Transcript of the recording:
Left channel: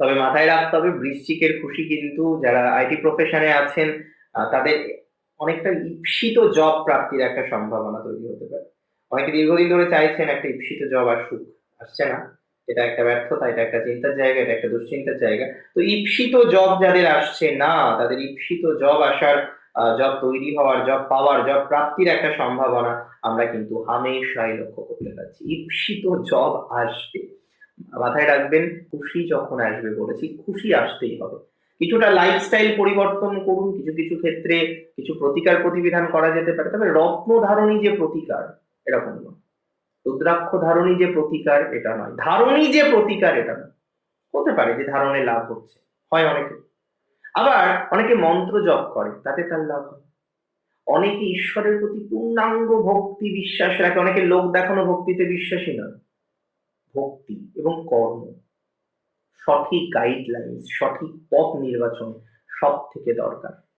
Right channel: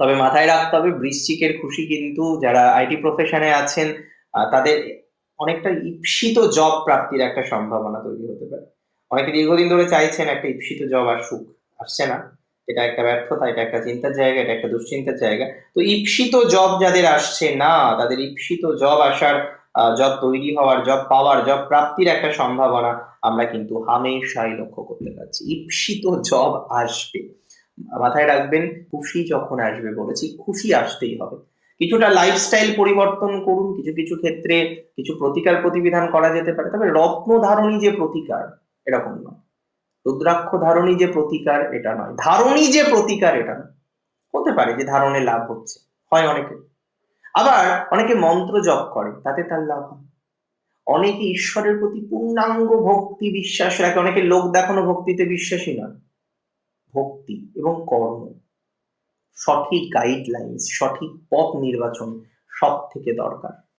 তবে মাথায় রাখতে হবে বৃশ্চিকের খুশি কিন্তু যারা আইটি প্রফেশনে আছেন তাদের অনেকটা ঈপ্সিত জব প্রাপ্তির একটা সম্ভাবনা তৈরি হতে পারে। অনেকে দীর্ঘদিন ধরে চাইছেন একটা ঈপ্সিত জব আসুক, আসছে না। এটা একটা ব্যর্থতা, এটা একটা চিন্তার জায়গা, এটা একটা দুশ্চিন্তার জায়গা। তো ঈপ্সিত জব যাদের আসছে না, তাদের ঈপ্সিত জব আসার, জব তৈরি হওয়ার, জব পাওয়ার, জব প্রাপ্তির একটা সম্ভাবনা আমরা কিন্তু হামেশাই লক্ষ্য করতে পারছি। ঈপ্সিত জব আসবে, মাথায় রাখবেন। খুশি যখন আসবে, বলেছি খুশি আসতেই হবে। কিছুটা লাইফস্টাইল পরিবর্তন করুন, কিছু কিছু ক্ষেত্রে কিছু প্রতিকার প্রতিবিধান করা যেতে পারে, তবে রত্ন ধারণী যে প্রতিকার এরকম নয়, রুদ্রাক্ষ ধারণী যে প্রতিকার এটা নয়, ধারণী যে প্রতিকার এটা নয়। হতে পারে যে ধারণে লাভ হচ্ছে, হয় অনেকে। আবার অনেকে মন্ত্র জপ করে, তাতে তার লাভ হয়। অনেকে ঈশ্বরের প্রতি পূর্ণাঙ্গ ভক্তি বিশ্বাস রাখে, অনেকে লোক দেখানো ভক্তিতে বিশ্বাসী নয়। ভক্তি এবং কর্ম, সঠিক গাইডলাইন্স, সঠিক পথ নির্বাচন সব থেকে দরকার।